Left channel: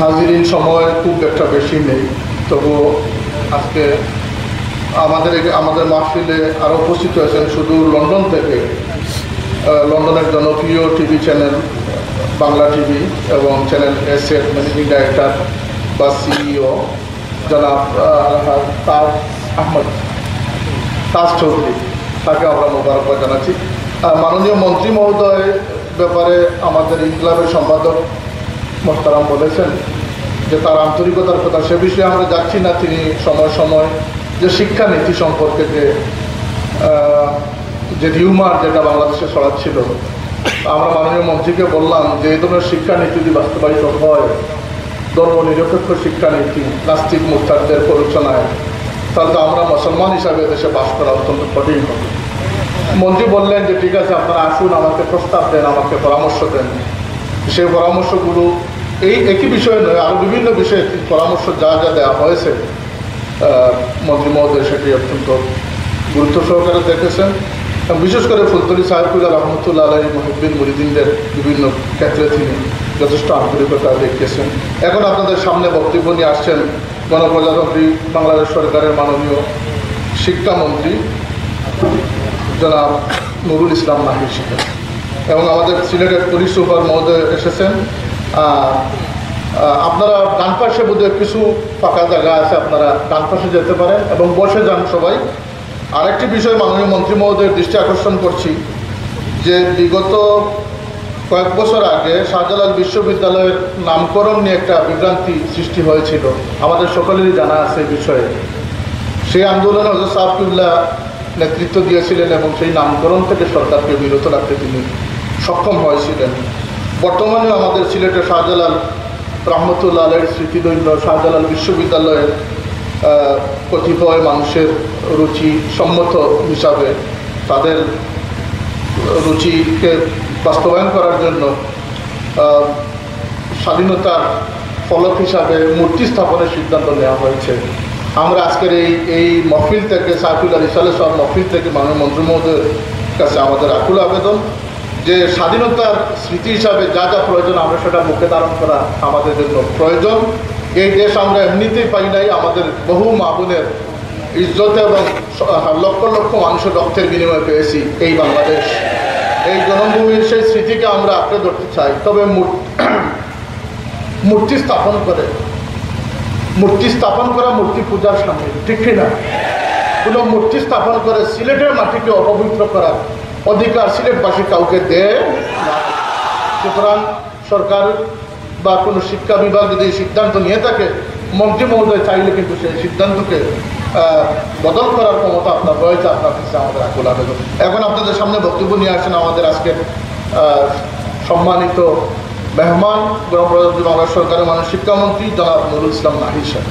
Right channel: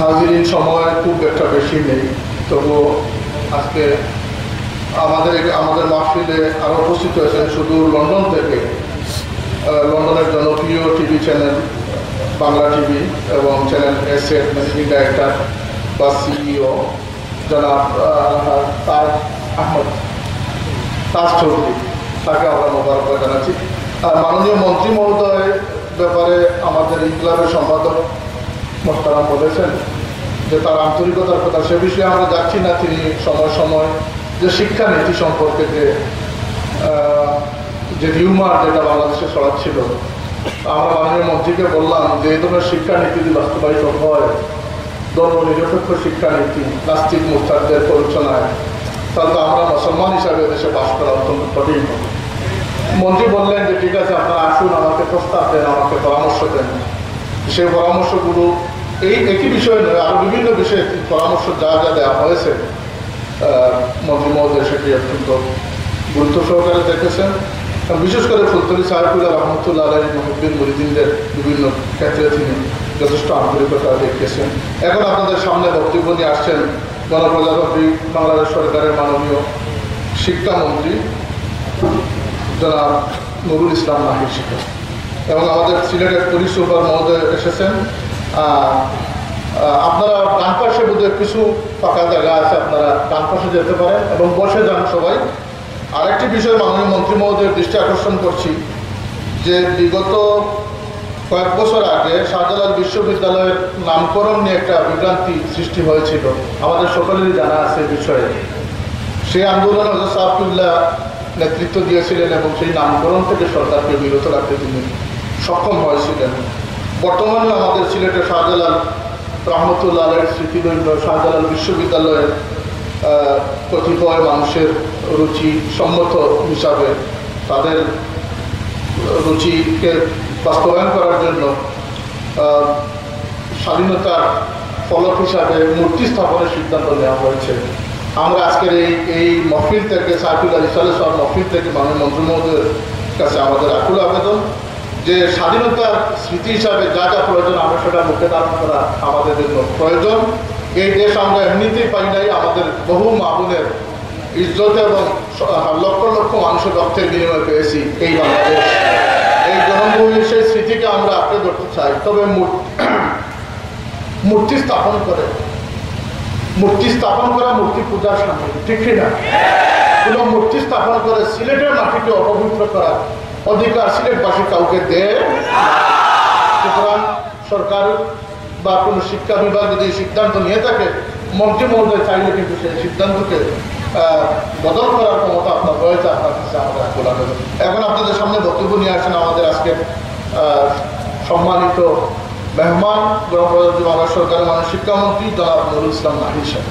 হাজিরিন সময় খুব একটা বেশি নেই, তবুও আজকে আমাদের মাহফিলে আরও উপস্থিত হয়েছেন সুদূর লন্ডন থেকে, লন্ডনের জনপ্রিয় টিভি চ্যানেল বাংলা টিভি এবং চ্যানেল এসের ম্যানেজিং ডাইরেক্টর বা সিইও জনাব তাজ চৌধুরী, তাকে আমরা মোবারকবাদ জানাচ্ছি। মাননীয় মন্ত্রী মহোদয় ব্যাপারে আমাদের ইনকলাবের সম্পাদক মোহতারাম বলেছেন যে তার আন্তরিকতার কথা, সে বিষয়ে আমরা যাচ্ছি না। তিনি সময় সময় যে শিক্ষানীতি সম্পর্কে যে রিউমার যেটা বাংলাদেশে ছড়াচ্ছিল, আমরা মাননীয় মন্ত্রীকে বললাম যে এই ধরনের শিক্ষানীতি যদি বাস্তবায়িত হয়, ধর্ম নিরপেক্ষ শিক্ষানীতি, নাস্তিক মুরতাদদের প্ররোচনায়, তাহলে তো আমরা মুসলমান হিসাবে দেশে বাস করা অত্যন্ত কঠিন হবে। মন্ত্রী বললেন যে ঠিক আছে, আপনারা আসুন, আমাকে প্রস্তাব দেন, আমাকে পরামর্শ দেন। সেই পরামর্শগুলো এই একই বিষয়ে নয়, আরও বিভিন্ন বিষয়ে পরামর্শ যা যা দেওয়া হয়েছে মন্ত্রী মহোদয় সেটি অত্যন্ত গুরুত্ব সহকারে দেখেছেন। বিশেষ করে ফুলতলি সাহেবুল্লাহ রহমতুল্লাহ আলাইহি মুহিব্বিন মুরিদিনদের বিভিন্ন ক্ষেত্রে তিনি যথেষ্ট আন্তরিকতা দেখিয়েছেন। এখন আপনাদের সামনে বক্তব্য নিয়ে আসছেন গণপ্রজাতন্ত্রী বাংলাদেশ সরকারের মাননীয় শিক্ষামন্ত্রী জনাব নুরুল ইসলাম নাহির সাহেব, এবং আমাদের সিলেটের পুলিশ সুপার মহোদয় এসেছেন। আপনারা ডান পাশে বোধহয় কিছু ফাঁকা জায়গা আছে, আপনারা ডান পাশে যেতে পারেন এবং বসে যান সবাই। আরেকটি বিষয় মাননীয় মন্ত্রী মহোদয়ের দৃষ্টি আকর্ষণ করছি যে বিগত কয়েক বছর আগে শাহজালাল বিশ্ববিদ্যালয়ের নামকরণ নিয়ে একটা বিভ্রান্তি সৃষ্টি হয়েছিল, আমাদের সকলেরই জানা আছে এই বিষয়ে। সেই আন্দোলনে হযরত সাহাবুল্লাহ নেতৃত্ব দিয়েছিলেন এবং সেই নামকরণ থেকে সরকারকে বিরত রাখতে তিনি সক্ষম হয়েছিলেন। বর্তমানেও আমাদের সিলেটের শাহজালাল রহমতুল্লাহ আলাইহির স্মৃতিদৈন্য শাহজালাল বিশ্ববিদ্যালয়ের কতিপয় মানুষের রুচি সম্মত হিসাবে তাদের রুচিকে বাস্তবায়ন করার জন্য স্বাধীনতার ফলক হিসাবে মূর্তি স্থাপনের সিদ্ধান্ত নেওয়া হয়েছে। আমরা আজকের এই মহফিল থেকে সাইফুল্লাহ রিসালে সব মহফিল থেকে মাননীয় মন্ত্রী মহোদয়ের কাছে আমাদের আকুল আবেদন যে স্বাধীনতার স্মৃতি হিসাবে যা যা প্রয়োজন আমরা সেটা মুখে ধারণ করা আমাদের জন্য প্রয়োজন। এই দেশ আমরা এমনিতেই পাই নাই, আমাদের বহু মা বোনের ইজ্জত এবং লক্ষ লক্ষ মানুষের রক্তের বিনিময়ে পেয়েছি এই বাংলাদেশ। এই জন্মভূমির সেই স্মৃতিকে আমরা আঁকড়ে ধরতে চাই, তবে মূর্তি স্থাপন করা মূর্তি পূজার সামিল, ঠিক না? কোনো মূর্তি স্থাপন করে সিলেটের মাটিকে অপবিত্র করার অধিকার সিলেটবাসী কাউকে দেয় না। সুতরাং সরকার বা কোনো শিক্ষা বিভাগ যদি সিদ্ধান্ত নিয়ে থাকে, মন্ত্রী মহোদয় চাইলে কিন্তু সেই সিদ্ধান্তকে বদল করার ক্ষমতা আপনার রয়েছে, আপনার কাছে আমাদের আকুল আবেদন। এখন আপনাদের সামনে বক্তব্য নিয়ে আসেন আমাদের আজকের সম্মানিত মেহমান গণপ্রজাতন্ত্রী বাংলাদেশ সরকারের মাননীয় শিক্ষামন্ত্রী জনাব নুরুল ইসলাম নাহির সাহেব।